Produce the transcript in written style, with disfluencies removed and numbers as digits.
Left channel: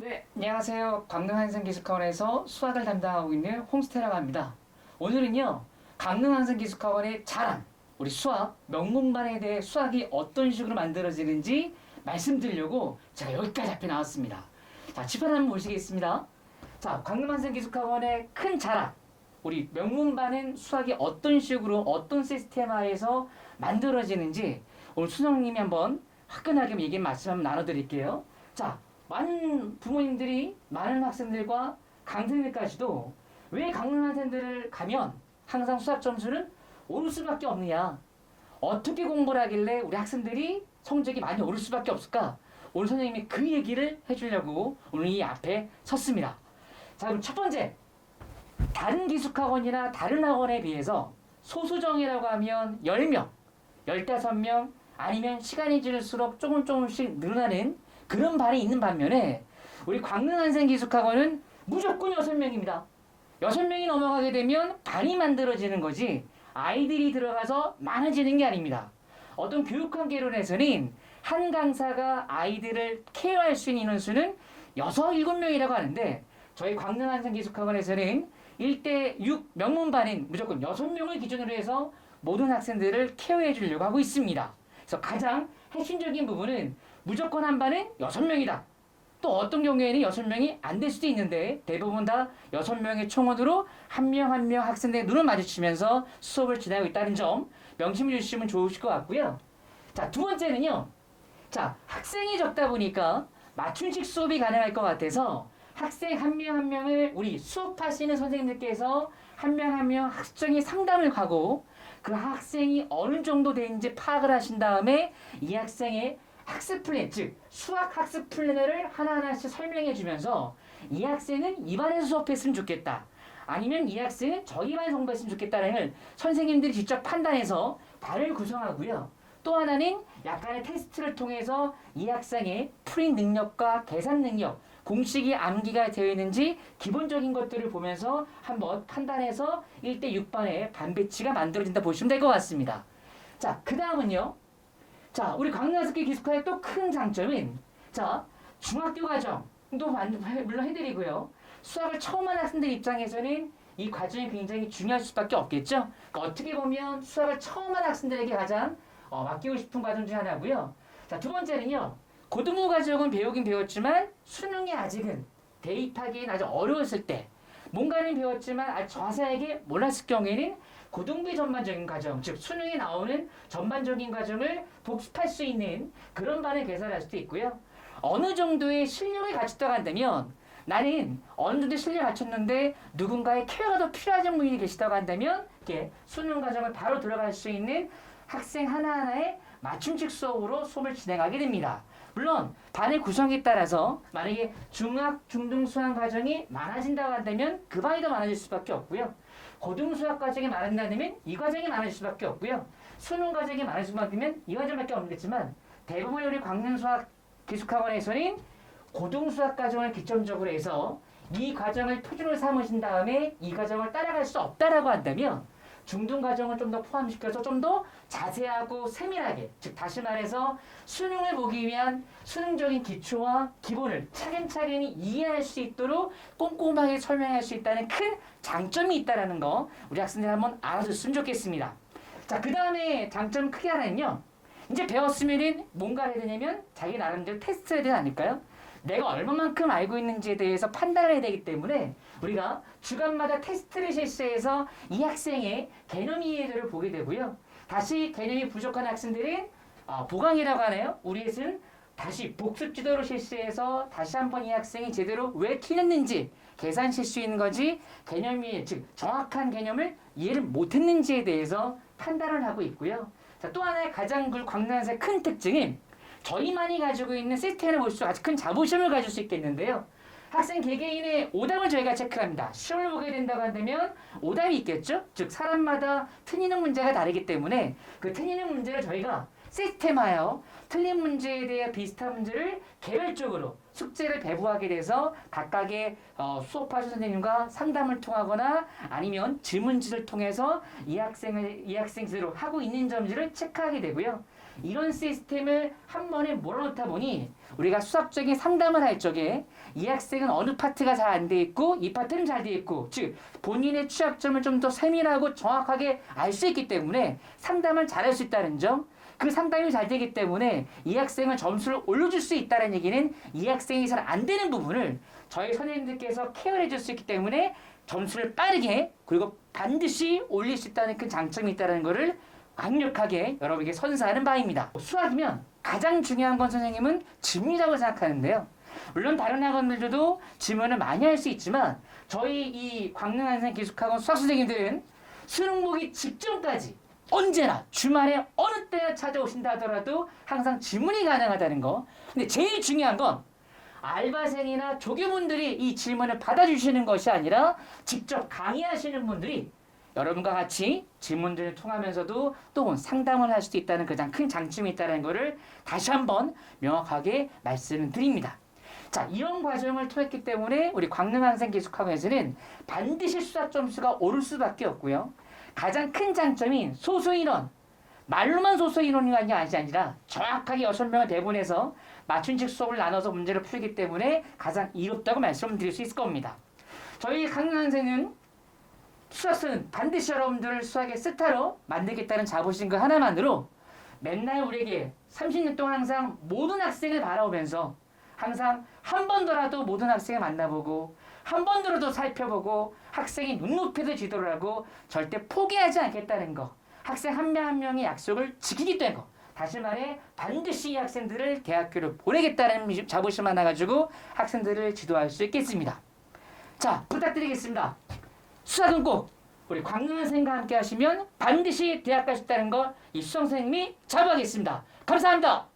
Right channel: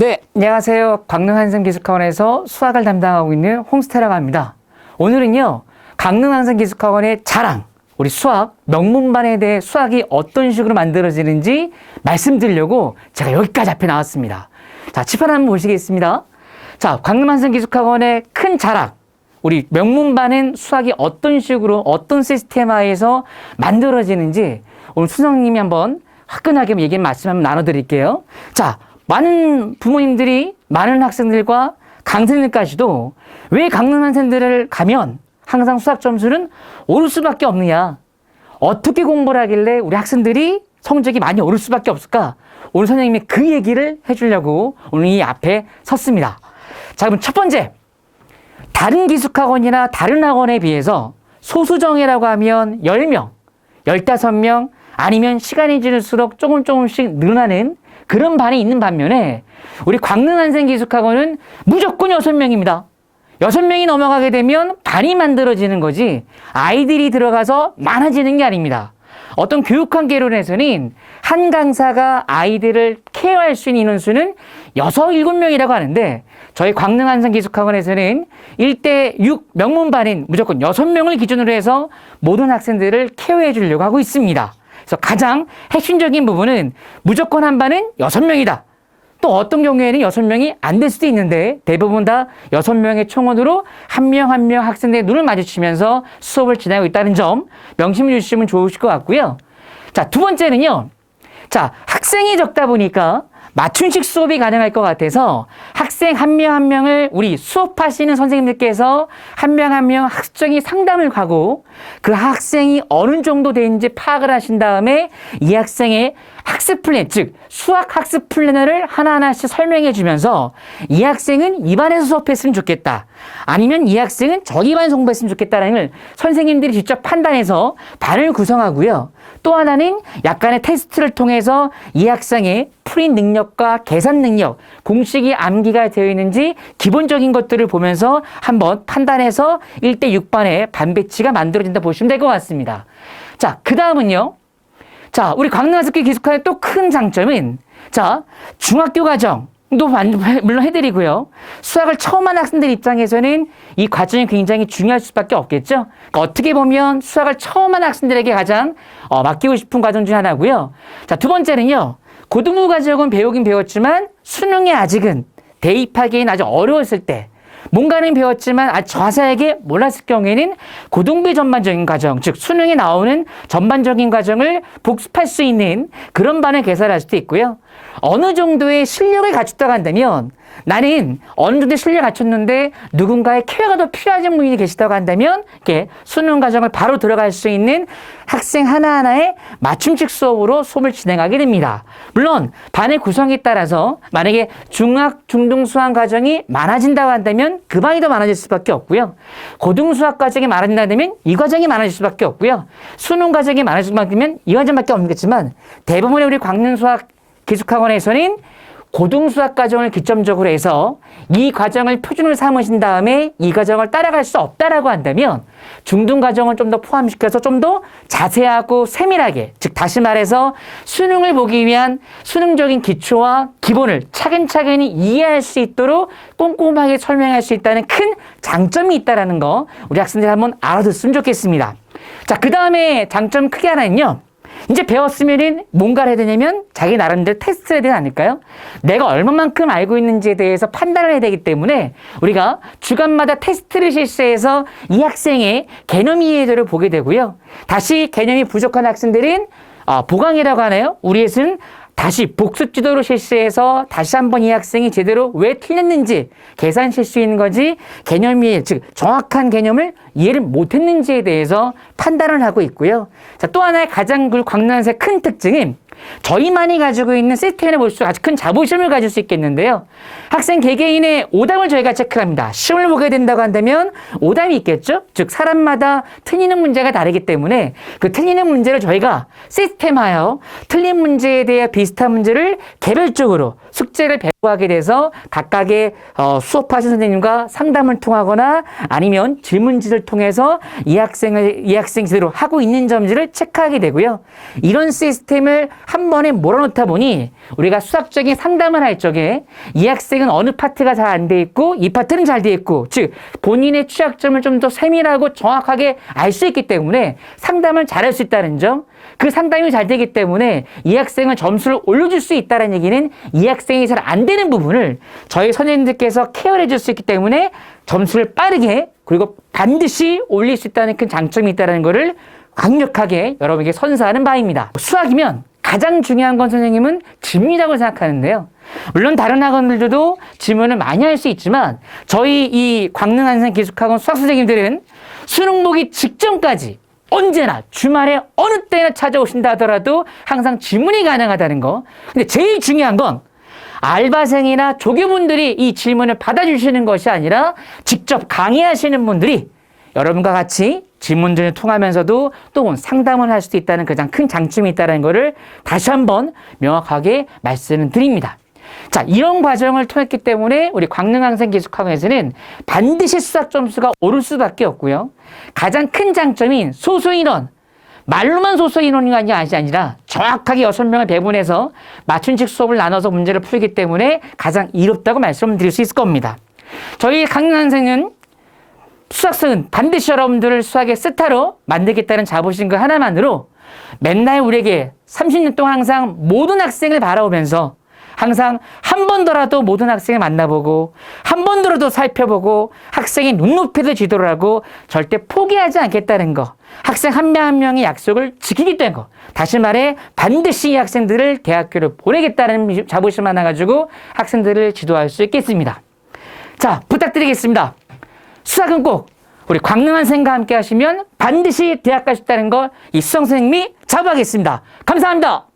네, 안녕하세요. 강릉 한성기술학원에서 수학을 담당하고 있는 홍스테라고 합니다. 오늘은요, 강릉 한성기술학원의 자랑, 우리 수학, 명문반에 대해 수학이 어떤 식으로 만들어지는지 말씀드리려고 제가 여기까지 앞에 나왔습니다. 자, 칠판 한번 보시겠습니다. 자, 강릉 한성기술학원의 큰 자랑, 우리 명문반은 수학이 어떤 식으로, 어떤 시스템 하에서 만들어지는지 오늘 수성님이 한번 화끈하게 얘기 말씀 한번 나눠드릴게요. 자, 많은 부모님들이 많은 학생들과 강생들까지도 왜 강릉 한생들을 가면 항상 수학 점수는 오를 수밖에 없느냐, 어떻게 공부를 하길래 우리 학생들이 성적이 많이 오를 수밖에 없을까, 오늘 선생님이 그 얘기를 해주려고 오늘 이 앞에 섰습니다. 자, 그럼 첫 번째, 다른 기숙학원이나 다른 학원에 비해서 소수정예라고 하면 10명, 15명 아니면 시간이 지날수록 조금씩 늘어나는 그런 반이 있는 반면에 우리 강릉 한생기숙학원은 무조건 6명입니다. 6명이 넘어가게 되면 반이 만들어지는 거지 아이들이 들어가서 많아지는 게 아닙니다. 어떤 교육학 개론에서는 한 강사가 아이들을 케어할 수 있는 인원수는 6, 7명이라고 하는데 저희 강릉 한생기숙학원에서는 1대6 명문반인 무조건 6명을 기준으로 해서 모든 학생들을 케어해 주려고 하고 있습니다. 그래서 가장 핵심적인 부분은 무조건 한 반은 6명이다. 또 어떤 경우에는 6명이 안 될 수도 있는데 대부분 다 6명의 총원으로 한 명 한 명 학생들의 눈을 마주치면서 수업을 진행하고 있다는 점 명심해 주시면 좋으실 것 같고요. 자, 두 번째는요. 자, 학생이 적다 보니까 맞춤식 수업이 가능할 것 같아서 학생 한 명 한 명을 우리 수업하시는 선생님들께서 한 명 한 명 학습적인 상담을 가고 그 학생이 어느 정도 되는지 파악을 하신 다음에 이 학생의 학습 플랜, 즉 수학 학습 플래너를 하나하나씩 설명해 주면서 이 학생은 이 반에서 수업했으면 좋겠다, 아니면 이 학생은 저기 반에서 공부했으면 좋겠다는 걸 선생님들이 직접 판단해서 반을 구성하고요. 또 하나는 약간의 테스트를 통해서 이 학생의 풀이 능력과 계산 능력, 공식이 암기가 되어 있는지 기본적인 것들을 보면서 한번 판단해서 1대6반의 반 배치가 만들어진다 보시면 될 것 같습니다. 자, 그 다음은요. 자, 우리 강릉한성기숙학원의 또 큰 장점은 자, 중학교 과정도 물론 해드리고요. 수학을 처음 하는 학생들 입장에서는 이 과정이 굉장히 중요할 수밖에 없겠죠. 그러니까 어떻게 보면 수학을 처음 하는 학생들에게 가장 맡기고 싶은 과정 중 하나고요. 자, 두 번째는요. 고등부 과정은 배우긴 배웠지만 수능에 아직은 대입하기엔 아주 어려웠을 때 뭔가는 배웠지만 아주 자세하게 몰랐을 경우에는 고등부의 전반적인 과정, 즉 수능에 나오는 전반적인 과정을 복습할 수 있는 그런 반을 개설할 수도 있고요. 어느 정도의 실력을 갖췄다고 한다면 나는 어느 정도 실력을 갖췄는데 누군가의 케어가 더 필요하신 분이 계시다고 한다면 이렇게 수능 과정을 바로 들어갈 수 있는 학생 하나하나의 맞춤식 수업으로 수업을 진행하게 됩니다. 물론 반의 구성에 따라서 만약에 중학, 중등 수학 과정이 많아진다고 한다면 그 반이 더 많아질 수밖에 없고요. 고등 수학 과정이 많아진다면 이 과정이 많아질 수밖에 없고요. 수능 과정이 많아질 수밖에 되면 이 과정밖에 없겠지만 대부분의 우리 강릉 수학 기숙학원에서는 고등수학 과정을 기점적으로 해서 이 과정을 표준으로 삼으신 다음에 이 과정을 따라갈 수 없다라고 한다면 중등 과정을 좀 더 포함시켜서 좀 더 자세하고 세밀하게, 즉 다시 말해서 수능을 보기 위한 수능적인 기초와 기본을 차근차근히 이해할 수 있도록 꼼꼼하게 설명할 수 있다는 큰 장점이 있다는 거 우리 학생들 한번 알아뒀으면 좋겠습니다. 자, 그 다음에 장점 크게 하나는요. 이제 배웠으면은 뭔가를 해야 되냐면 자기 나름대로 테스트를 해야 되지 않을까요? 내가 얼마만큼 알고 있는지에 대해서 판단을 해야 되기 때문에 우리가 주간마다 테스트를 실시해서 이 학생의 개념 이해도를 보게 되고요. 다시 개념이 부족한 학생들은 보강이라고 하나요? 우리에서는 다시 복습 지도로 실시해서 다시 한번 이 학생이 제대로 왜 틀렸는지 계산실 수 있는 거지 개념 이해, 즉 정확한 개념을 이해를 못했는지에 대해서 판단을 하고 있고요. 자, 또 하나의 가장 강릉한의 큰 특징은 저희만이 가지고 있는 시스템에 볼수록 아주 큰 자부심을 가질 수 있겠는데요. 학생 개개인의 오답을 저희가 체크합니다. 시험을 보게 된다고 한다면 오답이 있겠죠? 즉 사람마다 틀리는 문제가 다르기 때문에 그 틀리는 문제를 저희가 시스템하여 틀린 문제에 대해 비슷한 문제를 개별적으로 숙제를 구하게 돼서 각각의 수업하신 선생님과 상담을 통하거나 아니면 질문지를 통해서 이 학생이 제대로 하고 있는 점들을 체크하게 되고요. 이런 시스템을 한 번에 몰아놓다 보니 우리가 수학적인 상담을 할 적에 이 학생은 어느 파트가 잘 안 돼 있고 이 파트는 잘 돼 있고, 즉 본인의 취약점을 좀 더 세밀하고 정확하게 알 수 있기 때문에 상담을 잘할 수 있다는 점, 그 상담이 잘 되기 때문에 이 학생은 점수를 올려줄 수 있다는 얘기는 이 학생이 잘 안 되는 부분을 저희 선생님들께서 케어를 해줄 수 있기 때문에 점수를 빠르게 그리고 반드시 올릴 수 있다는 큰 장점이 있다는 것을 강력하게 여러분에게 선사하는 바입니다. 수학이면 가장 중요한 건 선생님은 지문이라고 생각하는데요. 물론 다른 학원들도 지문을 많이 할 수 있지만 저희 이 광능한산기숙학원 수학 선생님들은 수능 보기 직전까지 언제나 주말에 어느 때나 찾아오신다 하더라도 항상 질문이 가능하다는 거. 근데 제일 중요한 건 알바생이나 조교분들이 이 질문을 받아주시는 것이 아니라 직접 강의하시는 분들이 여러분과 같이 질문들을 통하면서도 또 상담을 할 수도 있다는 가장 큰 장점이 있다는 것을 다시 한번 명확하게 말씀을 드립니다. 자, 이런 과정을 통했기 때문에 우리 광능한산기숙학원에서는 반드시 수학 점수가 오를 수밖에 없고요. 가장 큰 장점인 소수인원, 말로만 소수인원이 아니라 정확하게 6명을 배분해서 맞춤식 수업을 나눠서 문제를 풀기 때문에 가장 이롭다고 말씀드릴 수 있을 겁니다. 저희 강릉한생은 수학생은 반드시 여러분들을 수학의 스타로 만들겠다는 자부심과 하나만으로 맨날 우리에게 30년 동안 항상 모든 학생을 바라보면서 항상 한 번 더라도 모든 학생을 만나보고 한 번 더라도 살펴보고 학생의 눈높이를 지도를 하고 절대 포기하지 않겠다는 거, 학생 한 명 한 명의 약속을 지키겠다는 거, 다시 말해 반드시 이 학생들을 대학교를 보내겠다는 자부심 하나 가지고 학생들을 지도할 수 있겠습니다. 자, 부탁드리겠습니다. 수학은 꼭 우리 광능한생과 함께 하시면 반드시 대학 갈 수 있다는 거 이 수학 선생님이 자부하겠습니다. 감사합니다.